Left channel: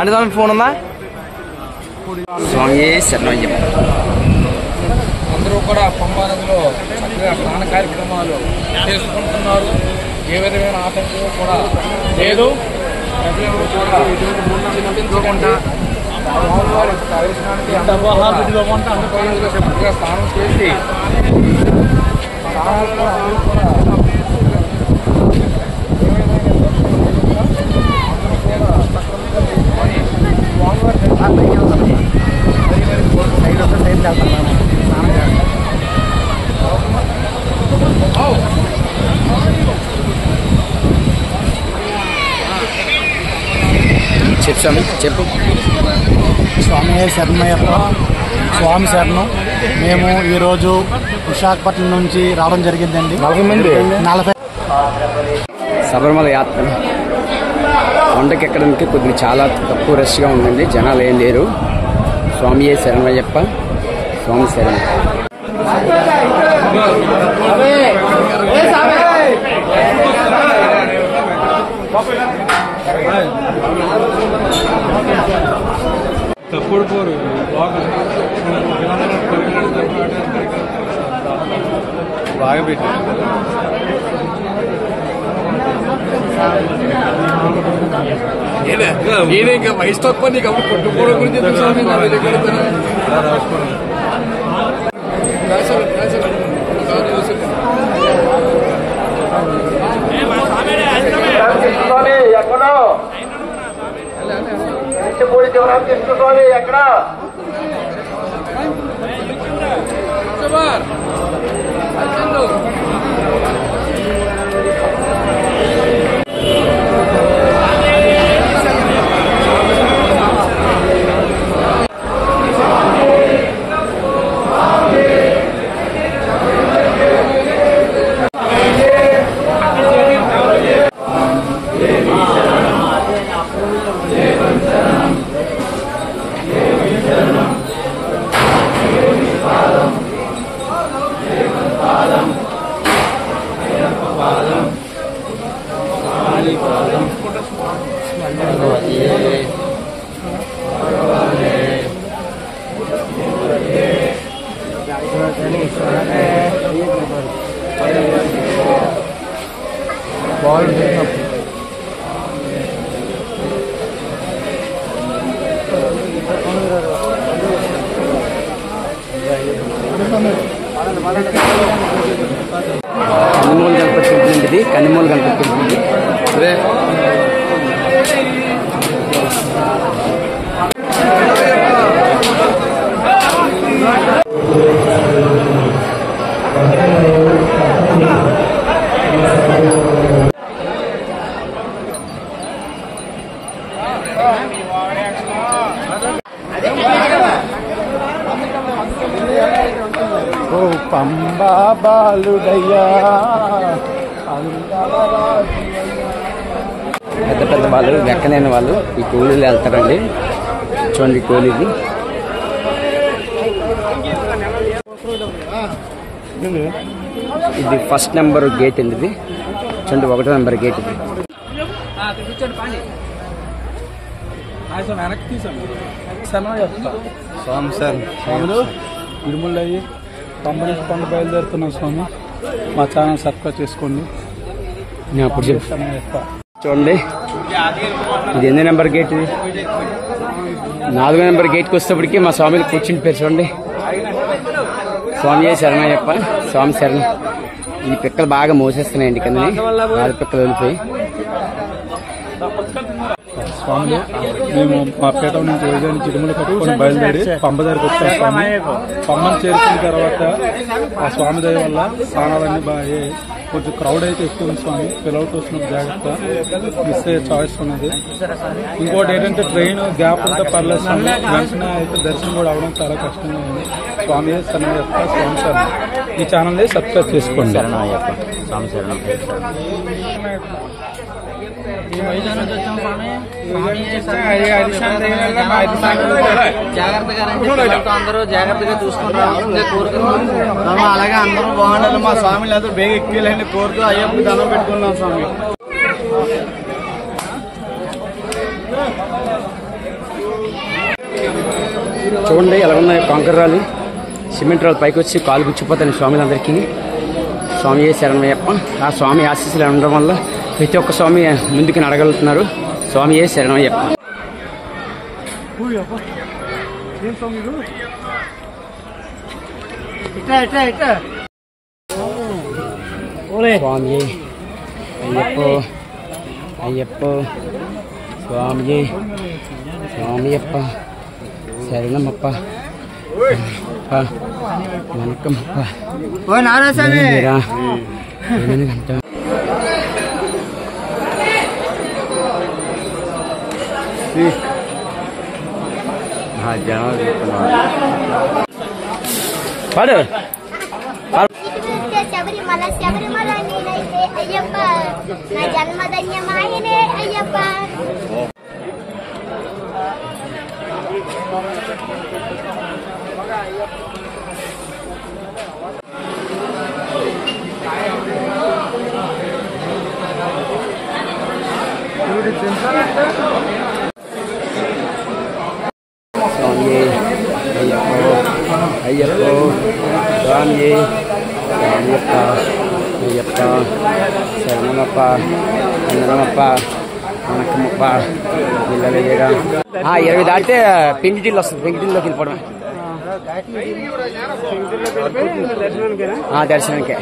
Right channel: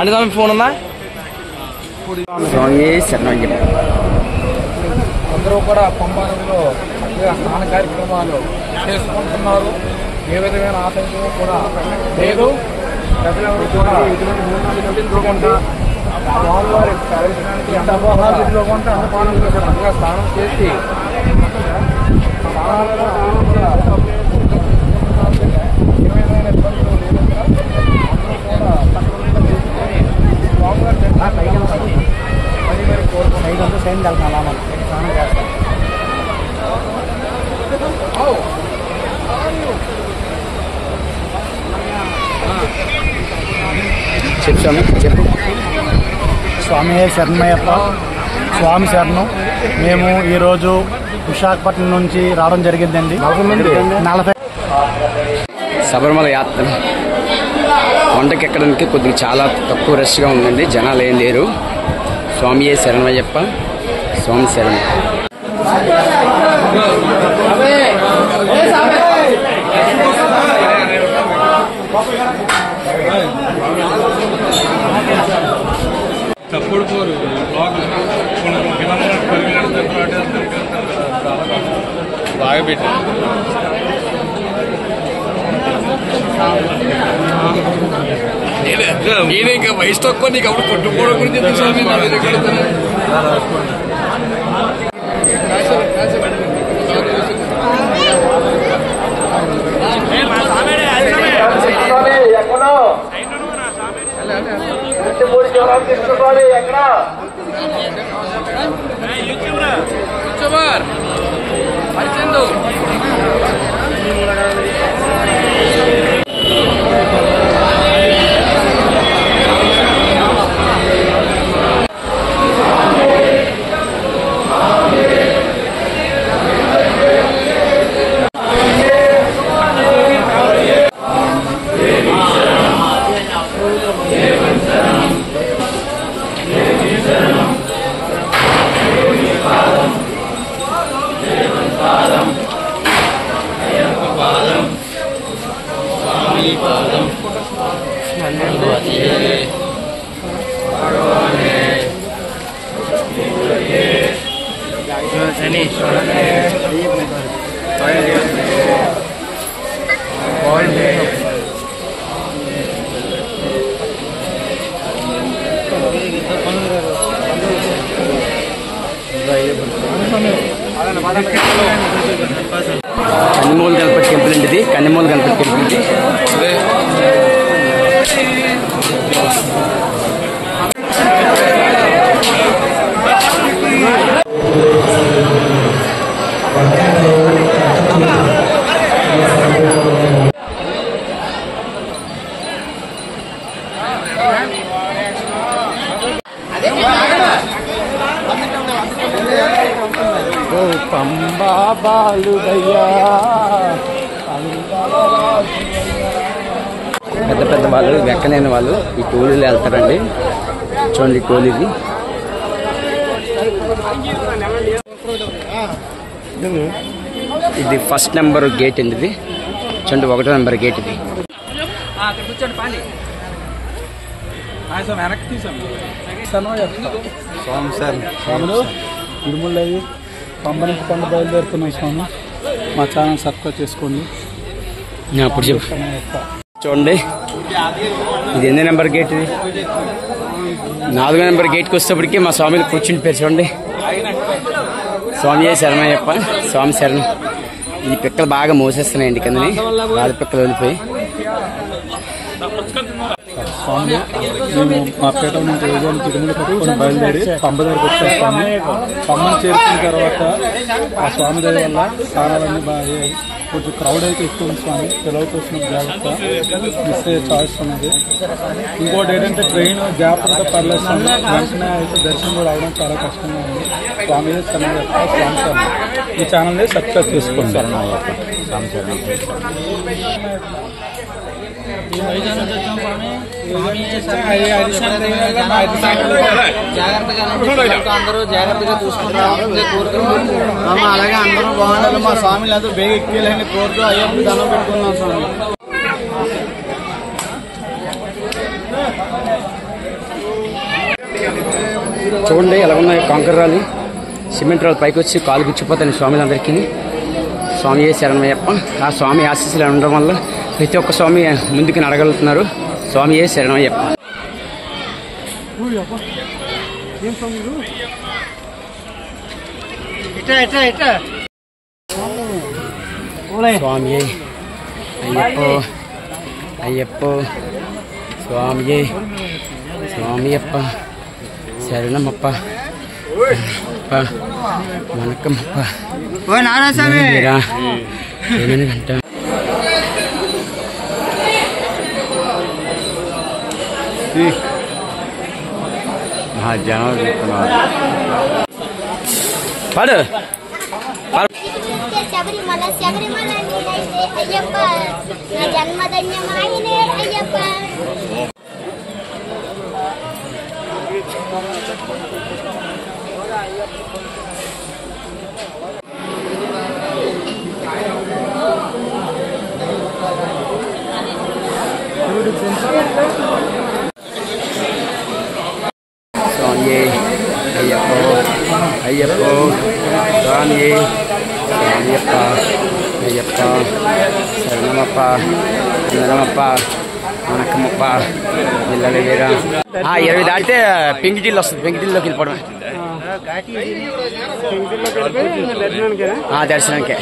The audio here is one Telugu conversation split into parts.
అంటే ఫోన్ ఉందా? స్వామి శరణయ్యప్ప. అందరూ కూడా పంపాలలో చక్కగా స్నాన కార్యక్రమాలు చేసుకుంటున్నారు. ఏ విధమైన ఆటంకం కూడా లేదు. ప్రజలందరూ కూడా ఎటువంటి మూఢనమ్మకాలు స్వామివారి దర్శనానికి చక్కగా స్నానం చేసి చెప్పు. స్వామి శరణయ్యప్ప, స్వామి శరణం. మేము ఈరోజు విశాఖపట్నం నుంచి రావడం జరిగిందండి. 40 శబరిమల యాత్ర కొండకి ఎక్కడానికి కొద్దిగా చాలా తక్కువ రష్గా ఉందండి. జనాలు ఏం లేరు. స్వామి శరణయ్యప్ప, స్వామి శరణం. తప్పుడు పోరు బాగా పెట్టి నేను ఇంకా వయసు తక్కువ నీకు అప్పుడు కొట్టుకోవడం గురించి ఎక్కడో పూడి చివరాలు తీసుకోవాలి. ఎక్కడ కన్నిమూల గణపతి టెంపుల్ అండి. ఇది కన్నిమూల గణపతి టెంపుల్ ఇది. పెద్ద పెద్ద వాళ్ళు, ఎక్కలేని వాళ్ళు ఈ కూలీలు వెళ్తారండి. చూడండి కూలీది. ఇది ఫస్ట్ నెంబర్ గేట్ అండి. ఇది చూడండి 1వ నెంబర్ గేట్. ఇది వెనక్కి తీసాము. స్వామి సార్ స్వాములు తిరుమలయ్యి పంపన బయలుదేరుతున్నాం. స్వామి మా ఛానల్ సబ్స్క్రైబ్ చేసుకోండి. అప్పుడు చెప్పు. చూడండి ఇది ఎన్ని నెంబర్ గేట్? ఇది 4వ నెంబర్ గేట్కి వచ్చేటప్పటికి మా స్వామిలు కూర్చుని పేరు చూడండి. స్వామి శరణయ్యప్ప, స్వామి శరణం. ఈ పిక్కలు బాగా మోసేస్తున్నాయండి కిందని. రాజు పిక్కలు వెళ్ళిపోయి. స్వామి మేము మా పేట నుంచి ఉదయాన్ని తిరుమల కట్టుకొని బయలుదేరి పంబ దగ్గరికి వచ్చాం. స్వామి పంబను చేరుకున్న తర్వాత ఆ స్వామి దయ వల్ల స్థానాలన్నీ బాగా కొంచెం క్రౌడ్ అయితే ఎక్కువ ఉంది. స్వామి పిల్లలతో వచ్చిన జాగ్రత్త మిస్ అయ్యే చాయిస్ ఉన్నది. ఇంకోటి ఏంటంటే ట్రైన్ గ్యాప్ ఉంటే పర్లేదు. స్వామి వెంటనే అయితే దర్శనం కూడా అవడం చాలా కష్టంగా ఉంది. స్వామి శరణయ్యప్ప, స్వామి శరణం. ఈ ఛానల్ని సబ్స్క్రైబ్ చేసుకోండి. శరణయ్యప్ప, స్వామి శరణం. జాగ్రత్తగా అందరూ జాగ్రత్తగా చూసుకుని రావాల్సిందే కోరుతున్నాం. అలాగే అందరూ బాగుండాలి. మా స్వామిని అందరూ బేగ ఎక్కేయాలని కోరుతూ అయ్యప్ప దండం పెట్టుకున్నాం స్వామి. చూడండి ఎలాగున్నాయి కాంకర్ రాళ్ళు, సిమెంట్ రాళ్ళు పైకి వచ్చి కాలు గుచ్చిపోతాయి స్వామిలందరికీ. స్వామి శరణమయ్యప్ప. ఆ స్వామి ఆశీస్సులు ఉండడం వల్ల ప్రతి ఒక్క స్వామి ముందుకు నడగలుగుతున్నారు. స్వామి శరణమయ్యప్ప. స్వామి అయ్యప్ప అయ్యప్ప స్వామి స్వామియప్ప శరణమప్ప వణకమప్ప మీరా ఏమైనా గంట పాడు శబరిమల శబరిమల నేనైతే అయ్యప్ప, నా జన్మధన్యమాయనే అయ్యప్ప. స్వామి అయ్యప్ప అయ్యప్ప స్వామి స్వామియప్ప అయ్యప్ప శరణమప్ప వందనమప్ప వణకమప్ప పిల్లలు వీరా. 20 దాటితే పెంకిటిల్లు వస్తుంది. పెంకిటిల్లోకి వెళ్ళిపోవడమే దర్శనానికే.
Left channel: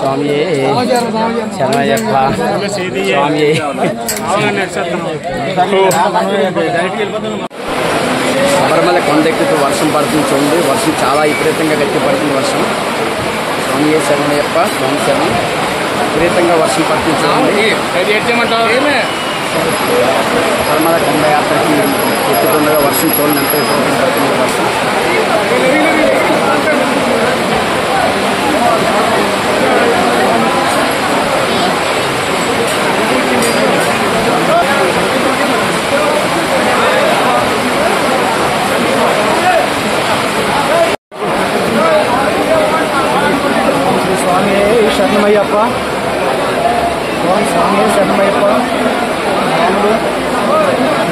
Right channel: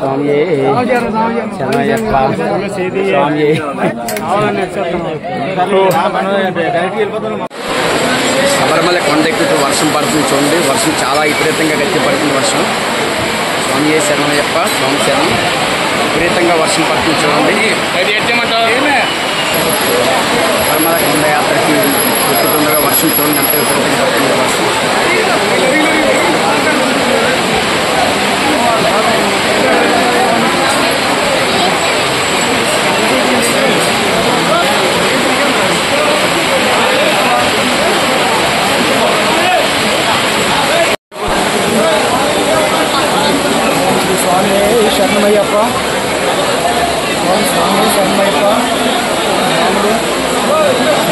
స్వామి శరణయ్యప్ప స్వామి. శబరిమల కొండ ఎక్కుతూ వర్షం పడుతుంది చూడండి. వర్షం చాలా విపరీతంగా గట్టి పడుతుంది వర్షం. స్వామి శరణయ్యప్ప స్వామి శరణం. విపరీతంగా వర్షం పడుతుంది చూడండి. శబరిమల కొండ యాత్రకి ఎక్కుతుండగా వర్షం చూడండి ఎంత విపరీతంగా పడుతుంది వర్షం. స్వామి శరణమయ్యప్ప స్వామి శరణమయ్యప్ప స్వాములు.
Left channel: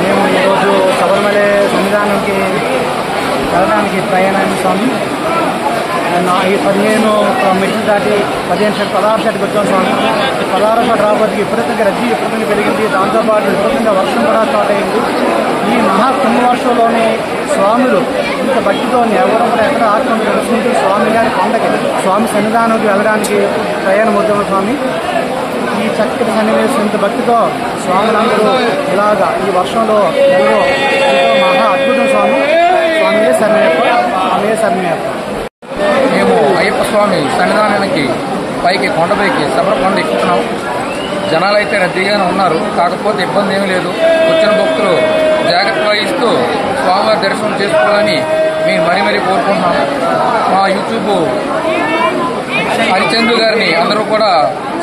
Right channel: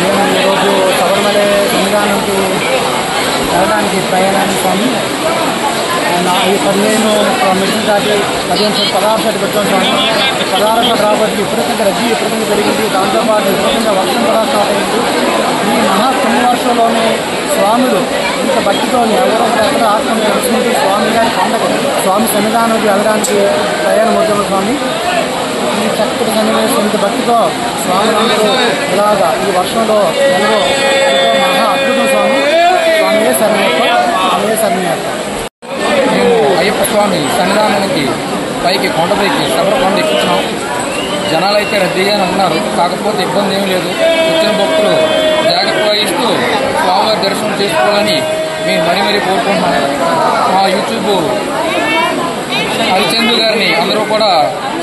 మేము ఈరోజు శబరిమల సన్నిధానంకి వెళ్ళడానికి ప్రయాణాన్ని స్వామి. ఈ 15 మెట్లు దాటి 16 షెడ్కి వచ్చాం స్వామి. 16 షెడ్ రాబోతుకి విపరీతంగా రద్దీ విపరీతంగా పెరిగింది. దాంతోపాటు విపరీతంగా వర్షం కూడా స్టార్ట్ అయింది. ఈ మహా కుంభవర్షంలోనే స్వాములు ఇంత భక్తితో ఎవరో కూడా ఎక్కడ ఆత్మను తెలుసుకుంటూ స్వామి గారి కొండకి స్వామి సన్నిధానంకి వెళ్ళడానికి ప్రయాణం అవుతాము స్వామి. ఈ చక్కటి సన్నివేశం ఇంత భక్తితో స్వాములందరూ ఇలాగా ఈ వర్షంలో ఎంతో మహా అద్భుతం స్వామి. స్వామి శరణయ్యప్ప స్వామి శరణయ్యప్ప. మేము అయ్యప్ప స్వామి సన్నిధానానికి పైకి కొండపైకి శబరికొండ ఎక్కుతున్నాం. జనాలు అయితే రద్దీగానే ఉన్నారు. కాకపోతే ఇబ్బంది ఏమీ లేదు. వచ్చిన భక్తులు జాగ్రత్త వహిస్తూ స్వామివారి దర్శనం చేసుకోవాలని మేము మరీ కోరుకుంటున్నాం. మా యూట్యూబ్ హరిచంద్రు గారిని అందరూ కూడా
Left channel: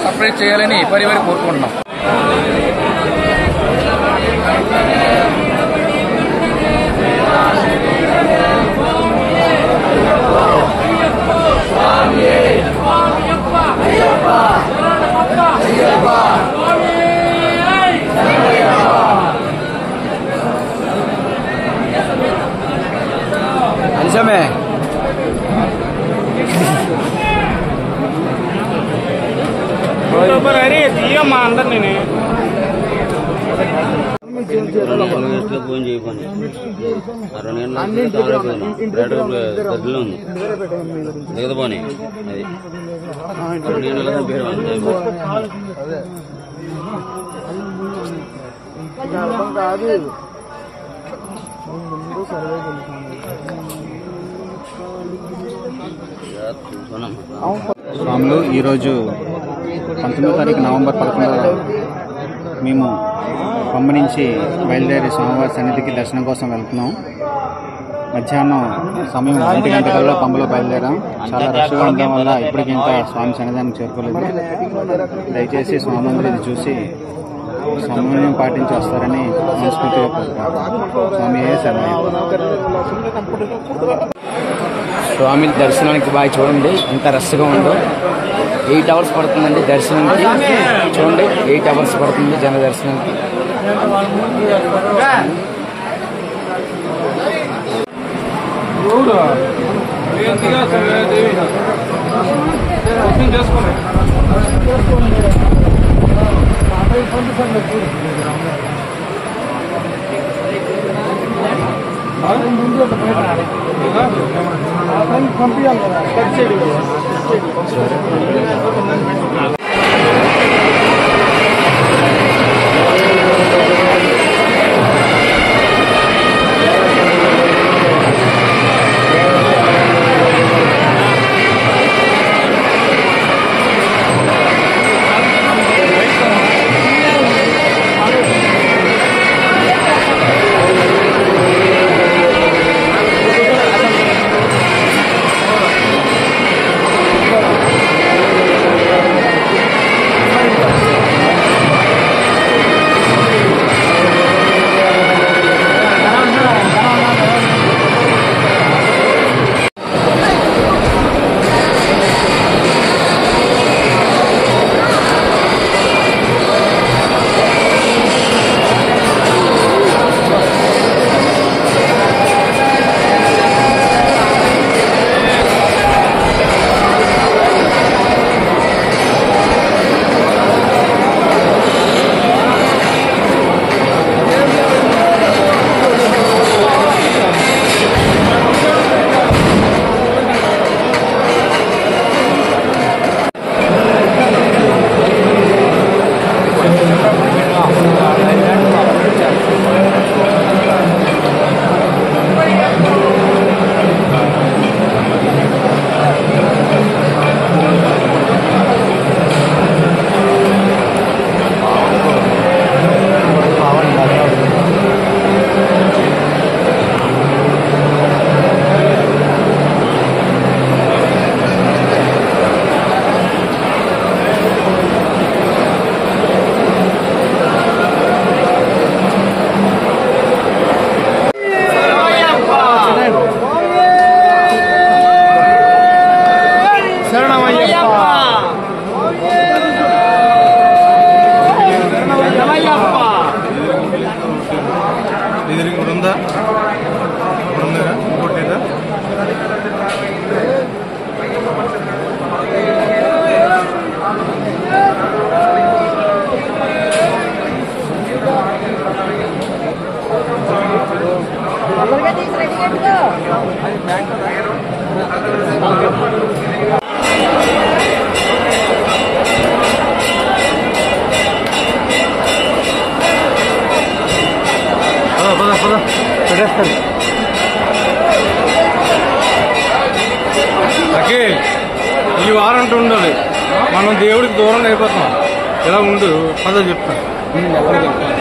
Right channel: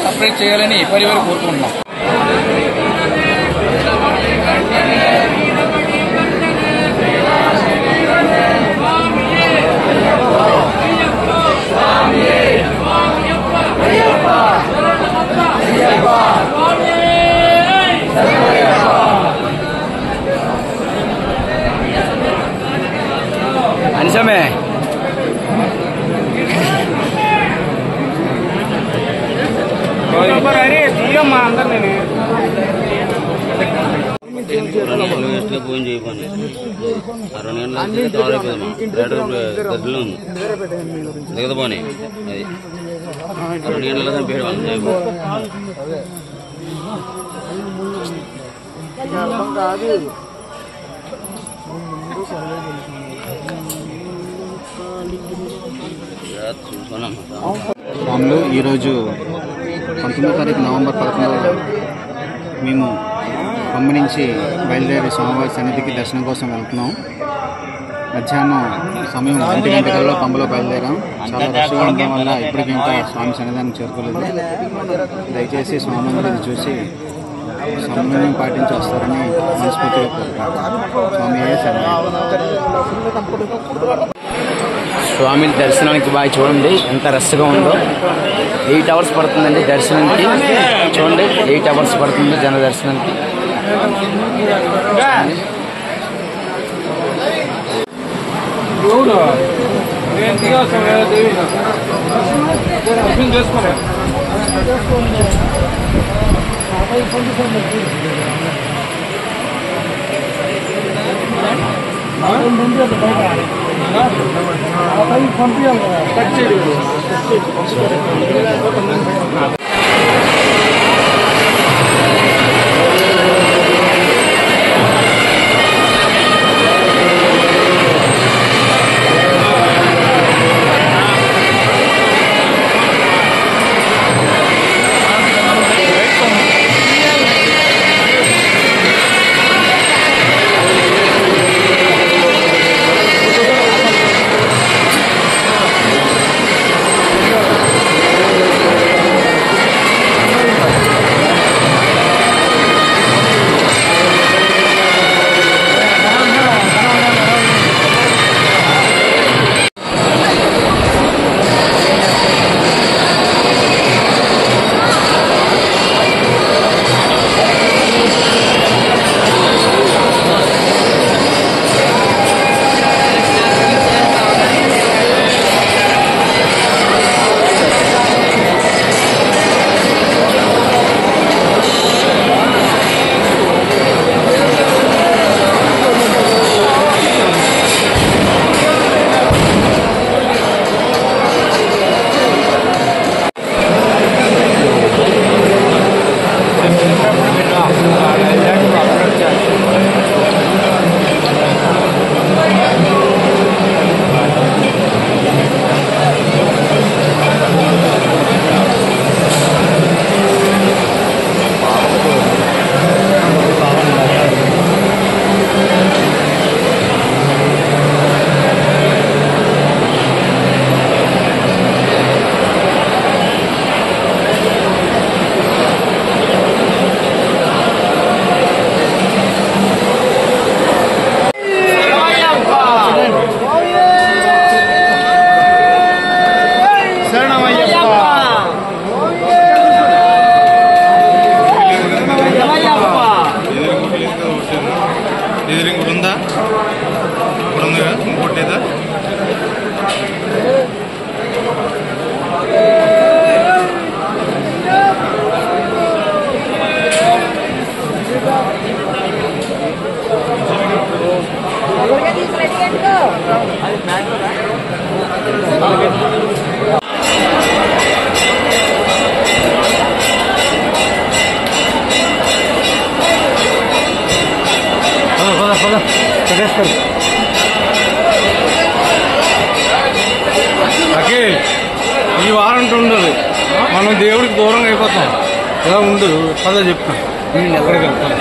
సపరేట్ చేయాలని మరీ కోరుకుంటున్నాం. నిజమే. ఫోన్ చేయమని 2 గంటల కావాలైపోయింది. గదిలో ఉంది దిగదపోని అది 2 గంటల పేరు స్వాములు ఈరోజు 19వ తారీఖు నవంబర్ 11 మేము పంబ నుంచి బయలుదేరి స్వామివారి సన్నిధికి దర్శనం కోసం వెళ్తున్నాం. మధ్యాహ్నం సమయం 1 గంటకల్లా పంబలో బయలుదేరాం. చాలా రష్గా ఉండడం వల్ల ఇప్పటికి ఇంకా స్వామి సన్నిధానికి చేరుకోలేదు. దయచేసి స్వామి మందిని చూసి సమన్వయం పాటించి వస్తారని మనస్ఫూర్తిగా కోరుకుంటున్నాం. స్వామి స్వామి దర్శనానికి బాగా చూడండి ఎంత రష్గా ఉందో. 8 అవర్స్ పడుతుందండి దర్శనానికి. చూడండి 8 అవర్స్ పడుతుంది జన దర్శనానికి. ఈ వారంటీ ఉండదు. మనం దేవుడికి దూరం అయిపోతాం. ఎలా ఉండదు అదో చెప్తాను. ఎక్కడికి వెళ్తాను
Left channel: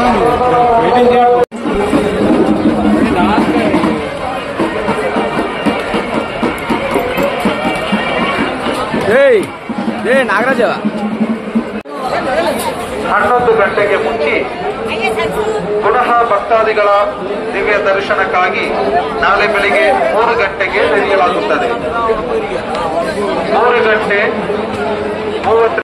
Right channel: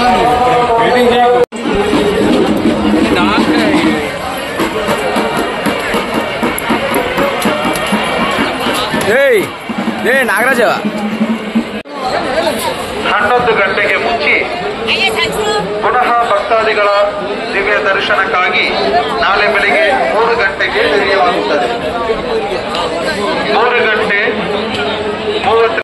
తిరుపతి ನಾಗರಾಜ 11 ಗಂಟೆಗೆ ಮುಚ್ಚಿ ಪುನಃ ಭಕ್ತಾದಿಗಳ ದಿವ್ಯ ದರ್ಶನಕ್ಕಾಗಿ ನಾಳೆ ಬೆಳಿಗ್ಗೆ 3 ಗಂಟೆಗೆ ತೆರೆಯಲಾಗುತ್ತದೆ. 3 ಗಂಟೆ 30